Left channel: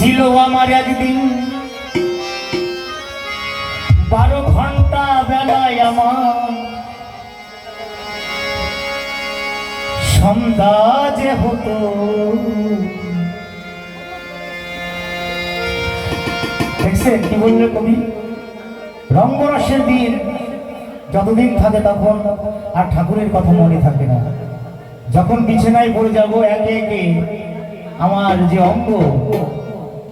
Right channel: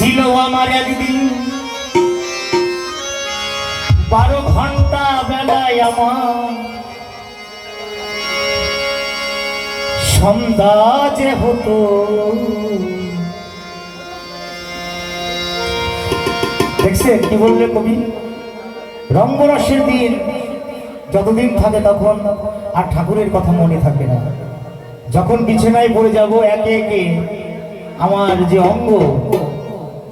ছিল আমার একদিন। বারো ঘণ্টা বেলায় আমার সন্ধ্যা যে হতো, দেখছেন কি বললে কবি? রঙ্গরসের দিন যতদিন থাকে তখন আর ঠাকুরের কথা মনে থাকে না। যখন বিছানায় পড়ে যাব একে একে আমার যে অঙ্গ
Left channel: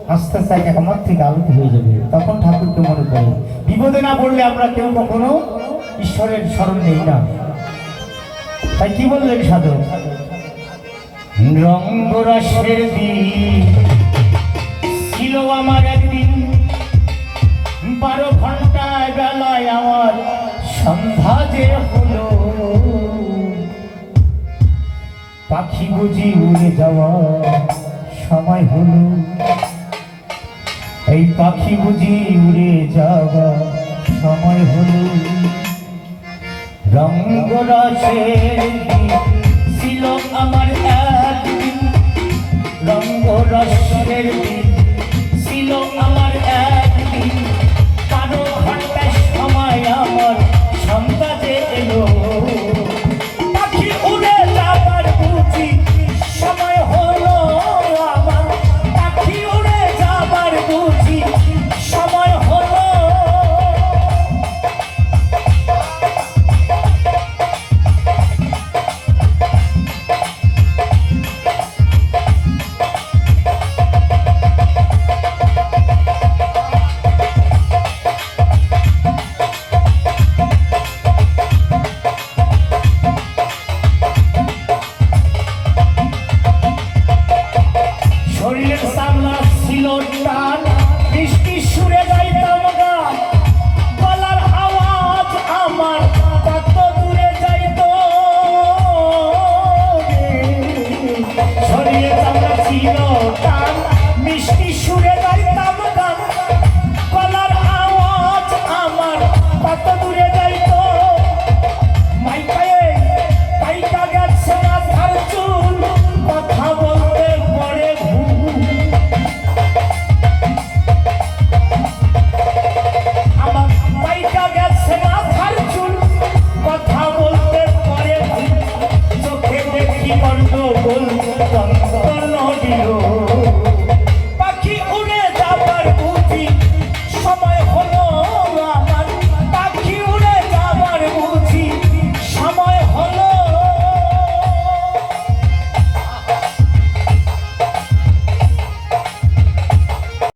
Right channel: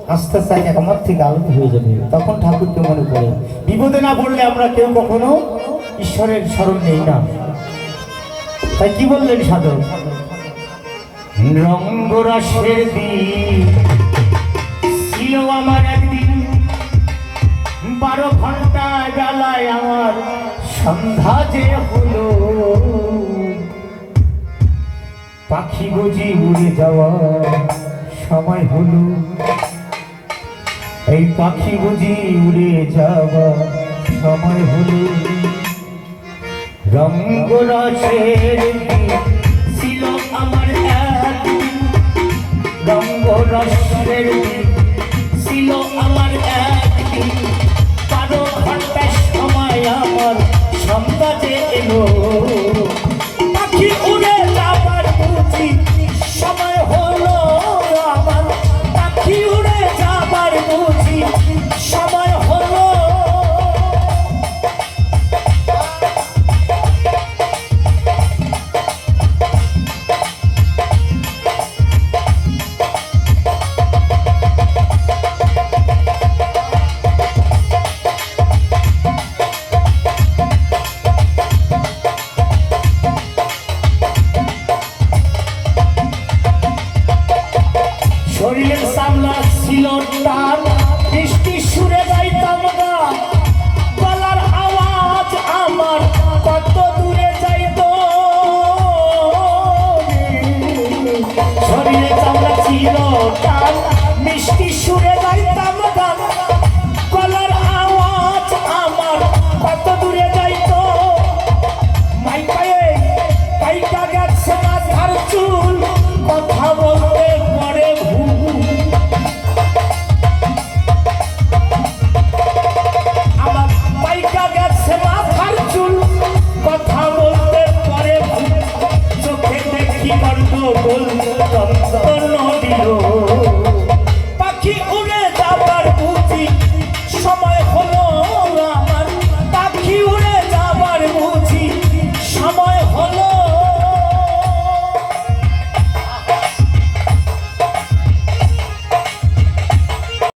আস্তে আস্তে এক আমার থেকে আলাদা হয়ে যাবে। তখন ঠাকুরকে মনে করে, বিপদে না পড়লে আমরা কেউ কখনো ঈশ্বরের স্মরণ নেই না। তাই কি বললেন সাধক? রঙ্গরসের ছিল আমার একদিন। বারো ঘন্টায় বেলায় আমার সন্ধ্যা যে হলো। পাখি বুঝি উড়ে যাওয়া সময় হলো। এই পাখি বুঝি উড়ে যাওয়া সময় হলো। রঙ্গ রসের ছিল আমার একদিন রঙ্গরসের দিন ছিল আমার শরীরের সামলা ছিল টান